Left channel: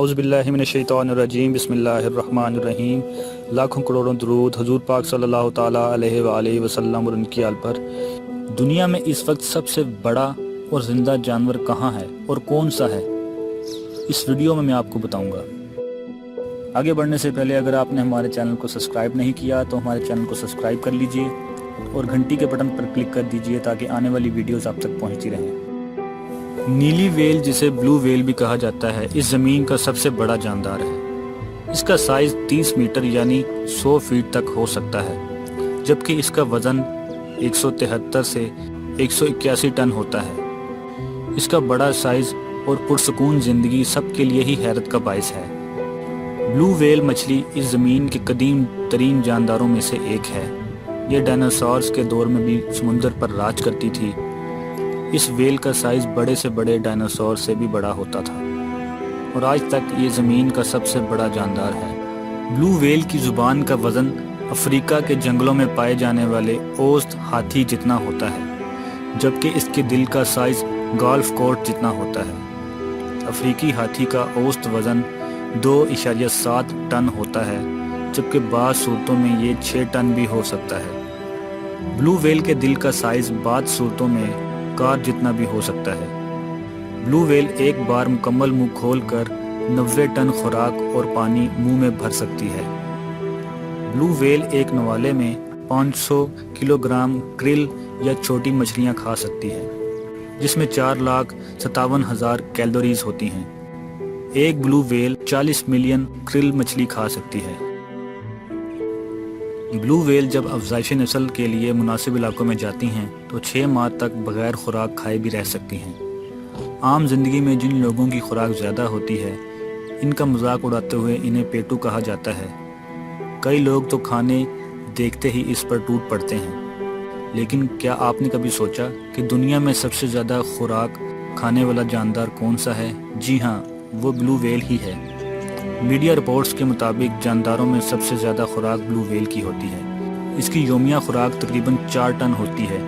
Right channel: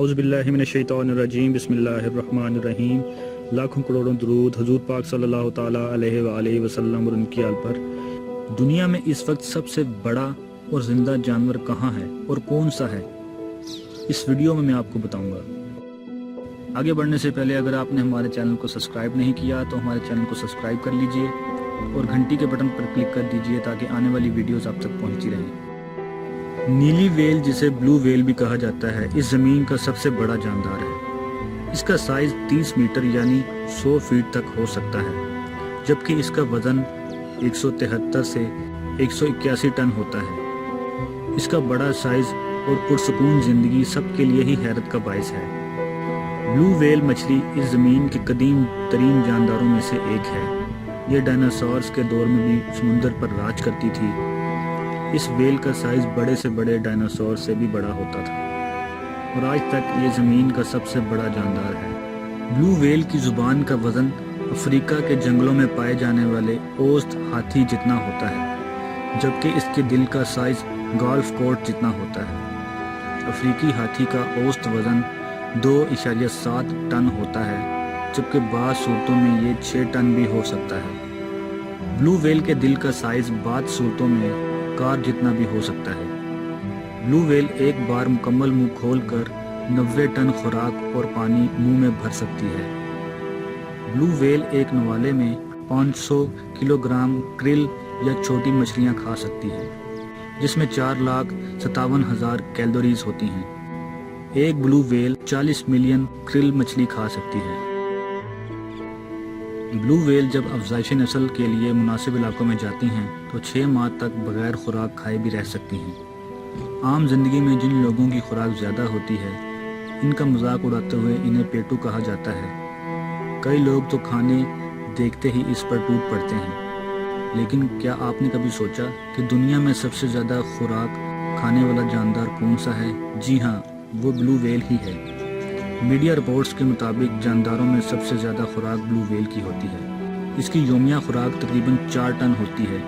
اعوذ باللہ من الشیطان الرجیم، بسم اللہ الرحمن الرحیم۔ لاکھوں کروڑوں درود حضور پاک صلی اللہ تعالیٰ علیہ وآلہ وسلم اور ان کی آل پر۔ دنیا میں اس وقت سب سے بڑا اور زندہ جانور کہاں ہے اور کون سا ہے، اس ویڈیو میں آپ کو بتاؤں گا۔ آگے بڑھنے سے پہلے اگر آپ نے ہمارے چینل کو سبسکرائب نہیں کیا تو ہمارے چینل کو سبسکرائب کر لیجئے اور گھنٹی کے بٹن پر کلک کر دیجئے تاکہ آنے والی ویڈیوز آپ تک پہنچتی رہیں۔ نیلی ویل، جسے بلو ویل بھی کہا جاتا ہے، اس زمین کا سب سے بڑا جاندار ہے۔ اس کا سائز 30 میٹر یعنی 100 فیٹ تک ہو سکتا ہے، جبکہ اس کا وزن 173 سے 181 ٹن ہوتا ہے۔ اس کا بڑا سائز اور پرسکون زندگی سب کے لیے ہی حیرت کا باعث ہے۔ بلو ویل مچھلی اس زمین کے قدیم ترین جانداروں میں سے ایک ہے۔ یہ ڈائناسورز کے دور میں بھی سمندر پر راج کرتی تھی۔ اس ویل کا سائز بڑے سے بڑے ڈائناسور سے بھی بڑا ہوتا تھا اور آج تک یہ زمین کا سب سے بڑا جاندار ہے۔ بلو ویل کی زبان کا وزن افریقہ کے جنگلوں میں پائے جانے والے اوسط ہاتھی جتنا ہوتا ہے، جبکہ اس کے دل کا سائز گالف کورٹ جتنا ہوتا ہے۔ افریقی ہاتھی کا اوسط وزن 2.7 ٹن ہوتا ہے، جبکہ بعض صورتوں میں یہ 6 ٹن بھی ہو سکتا ہے۔ بلو ویل کے دل کا سائز بعض صورتوں میں کار جتنا بھی ہو سکتا ہے۔ بلو ویل ایک بار مکمل منہ کھول کر 90 ٹن خوراک اور پانی منہ میں بھر سکتی ہے۔ بلو ویل ایک نوالے میں 500 کلو گرام کرل یا چھوٹی مچھلیاں کھا سکتی ہے، جس میں 4,57,000 کیلوریز ہوتی ہیں۔ ایک بلو ویل 40 ملین کرل مچھلی کھا سکتی ہے۔ بلو ویل جب افزائش نسل کے لیے مناسب علاقوں میں جاتی ہیں تو 6 ماہ تک بغیر خوراک کھائے بھی رہ سکتی ہیں۔ عام زندگی میں جن لوگوں کی خوراک زیادہ ہوتی ہے، ان کا مذاق اڑاتے ہوئے انہیں پیٹو کہا جاتا ہے۔ کئی لوگ تو کھانے دیکھتے ہی اس پر ٹوٹ پڑتے ہیں، لیکن کیا آپ نے کبھی سوچا کہ دنیا میں سب سے زیادہ خوراک کھانے والا جاندار کون سا ہے؟ جی ہاں، وہ بلو ویل ہی ہے۔ میڈیا رپورٹس کے مطابق جانداروں میں سب سے زیادہ خوراک بلو ویل کی ہوتی ہے۔ اس کی یومیہ خوراک تقریباً 4 ٹن ہوتی ہے،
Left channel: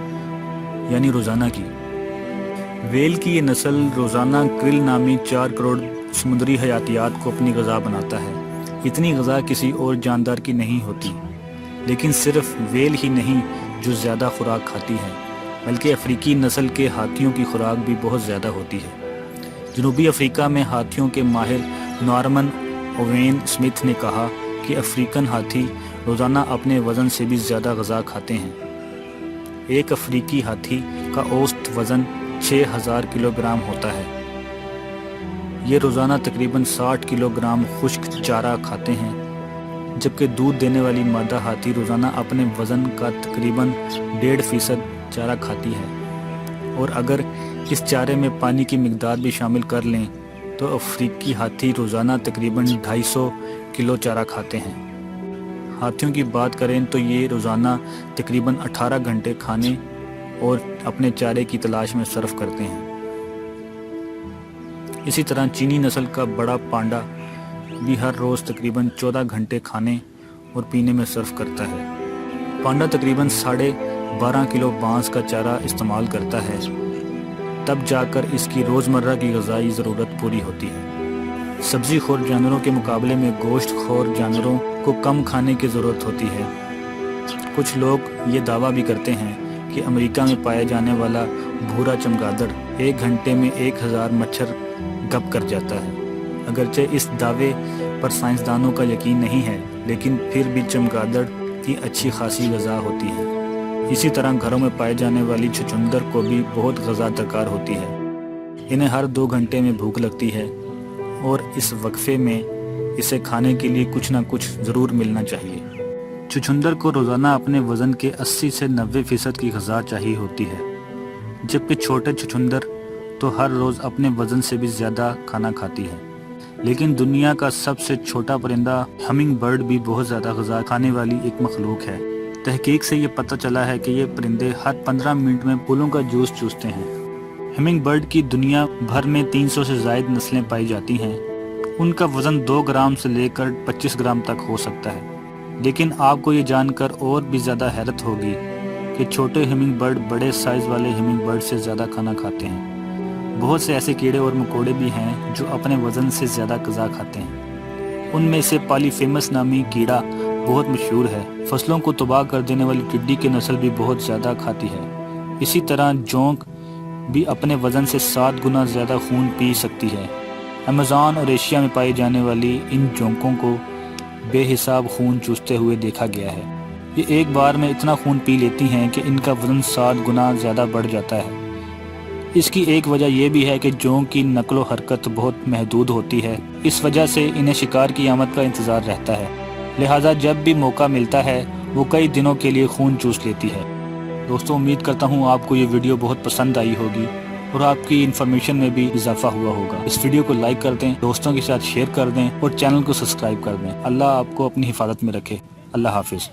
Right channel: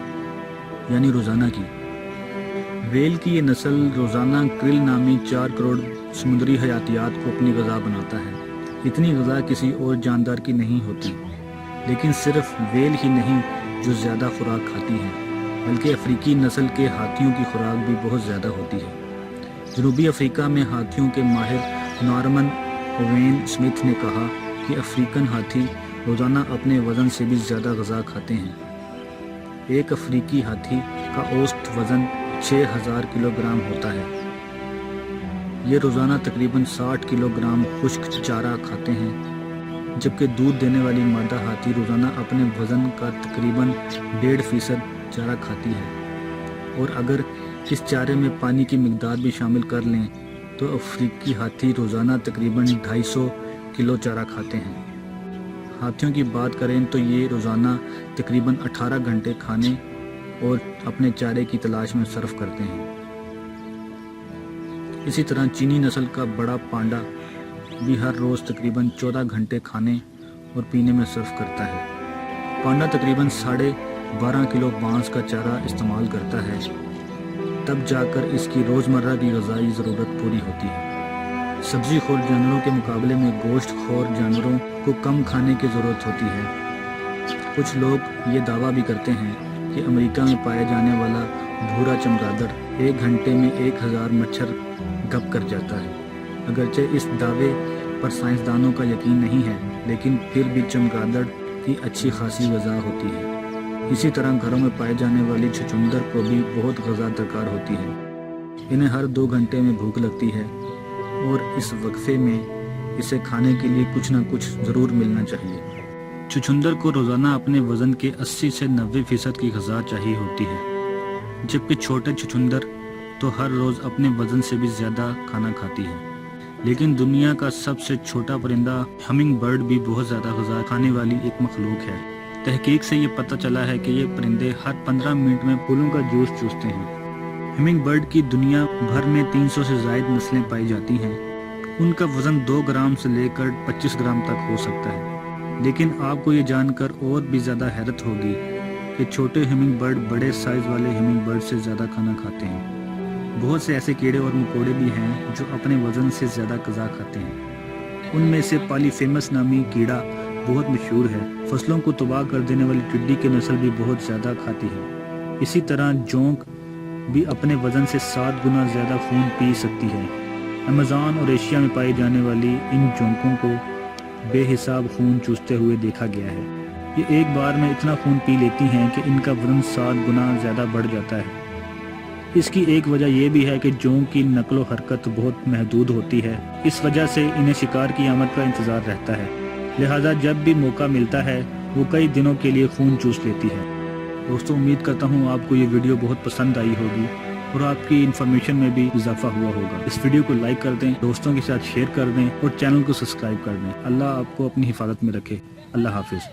یعنی روزانہ کی۔ ویل کی یہ نسل روزانہ کرل نامی 4 کروڑ سمندری حیاتیات کو اپنی غذا بناتا ہے۔ اتنی غذا کسی اور جاندار کی نہیں ہوتی، لیکن صرف ویل ہی نہیں جو زیادہ خوراک کھاتی ہے، بلکہ افریقی نسل کے ہاتھیوں کی خوراک بھی بہت زیادہ ہوتی ہے۔ جنوبی افریقہ میں ہاتھیوں کے ماہر نارمن اووین سمتھ نے کہا کہ افریقن ہاتھی روزانہ اپنے وزن سے بھی زیادہ غذا کھاتے ہیں۔ ایک افریقی ہاتھی کا اوسط وزن 6,000 کلو گرام ہوتا ہے۔ یہ روزانہ تقریباً 60 کلو گرام خشک چارہ کھاتے ہیں، جبکہ دودھ دینے والی مادہ ہاتھی روزانہ اپنے وزن کا تقریباً 1.5% چارہ کھاتی ہے، اور اگر اس چارے میں پانی کی مقدار بھی شامل کر لیں تو افریقی ہاتھی روزانہ تقریباً 250 کلو چارہ کھاتے ہیں۔ ہاتھیوں کی بات کریں تو یہ روزانہ تقریباً 18 گھنٹے کھانے اور اپنے چارے کی تلاش میں صرف کرتے ہیں۔ اسی طرح چینی نسل کا بڑا پانڈا بھی ہر روز تقریباً 14 گھنٹے کھانے اور پینے میں صرف کرتا ہے۔ پانڈا تقریباً 12.5 کلو بانس کا چارہ استعمال کرتا ہے، تب جا کر اس کی روزمرہ کی غذائی ضرورت پوری ہوتی ہے۔ سبزی خور جانوروں کے مقابلے میں گوشت خور جانوروں کو کم کھانے کی ضرورت ہوتی ہے۔ کچھ لوگ یہ دعویٰ بھی کرتے ہیں کہ امریکہ میں پایا جانے والا بھورا چمگادڑ 1 گھنٹے میں 1000 مچھر گپ کر جاتا ہے۔ اگرچہ اس دعوے پر سائنسدانوں کا یقین نہیں ہے، لیکن پھر بھی چمگادڑ کی اچھی خاصی غذا ہوتی ہے۔ اسی طرح گھروں میں پائے جانے والی چھچھندر کو بھی بہت غذا درکار ہوتی ہے۔ انہیں ہر 2 گھنٹے میں بھوک لگتی ہے اور اس وقفے میں اسے کھانے کے لیے کچھ نہ کچھ ضرور ملنا چاہیے۔ چھچھندر کو روزانہ اپنے وزن کے 80 سے 90% کی غذا چاہیے ہوتی ہے، جبکہ چھوٹے چھچھندر تو ہر روز اپنے وزن سے بھی زیادہ کھانا کھاتی ہے۔ لیکن دنیا کا سب سے چھوٹا پرندہ ہمنگ برڈ بھی بہت زیادہ غذا کھانے والی ایک مخلوق ہے۔ تحقیق سے یہ پتہ چلا ہے کہ یہ پرندے ہر 15 منٹ میں پھولوں کا جوس چوستے ہیں۔ ہمنگ برڈ کی دنیا بھر میں 300 سے زائد نسلیں پائی جاتی ہیں۔ ان کا وزن 2 گرام سے لے کر 25 گرام تک ہو سکتا ہے۔ لیکن آپ کو یہ جان کر اور بھی زیادہ حیرت ہوگی کہ چھوٹے ہمنگ برڈ بڑے سائز والے ہمنگ برڈ سے زیادہ کھانا کھاتے ہیں۔ بہت سے ایسے کیڑے اور مکوڑے بھی ہیں جو اپنے وزن سے زیادہ غذا کھاتے ہیں۔ ان میں سے پالی فیمس نامی کیڑا بہت مشہور ہے۔ فصلوں کو تباہ کر دینے والی ٹڈی کی نسل بھی بہت زیادہ کھاتی ہے۔ اسی طرح جونک بھی اپنے وزن سے 7 گنا زیادہ خون پی سکتی ہے۔ امازون اور ایشیا میں پائی جانے والی ان جونکوں کو بے حساب خون چوستے ہوئے دیکھا گیا ہے۔ یہ ایک بار میں اتنا خون پی لیتی ہیں کہ ان کا وزن 7 گنا زیادہ بڑھ جاتا ہے۔ اس کی ایک وجہ یہ بھی ہے کہ جونک کی نقل و حرکت بہت محدود ہوتی ہے، اس وجہ سے انہیں شکار کی آمد کا انتظار رہتا ہے، لہٰذا جب بھی موقع ملتا ہے وہ کئی دنوں کے لیے خون چوس لیتی ہے۔ دوستوں، امید کرتا ہوں آپ کو یہ ویڈیو بہت پسند آئی ہوگی اور آپ کی انفارمیشن میں بھی اضافہ ہوا ہوگا۔ اس ویڈیو کو لائک کر دیں، دوستوں کے ساتھ شیئر کر دیں اور چینل کو سبسکرائب کر دیں۔ اللہ آپ کو اپنی حفاظت میں رکھے۔ اللہ حافظ۔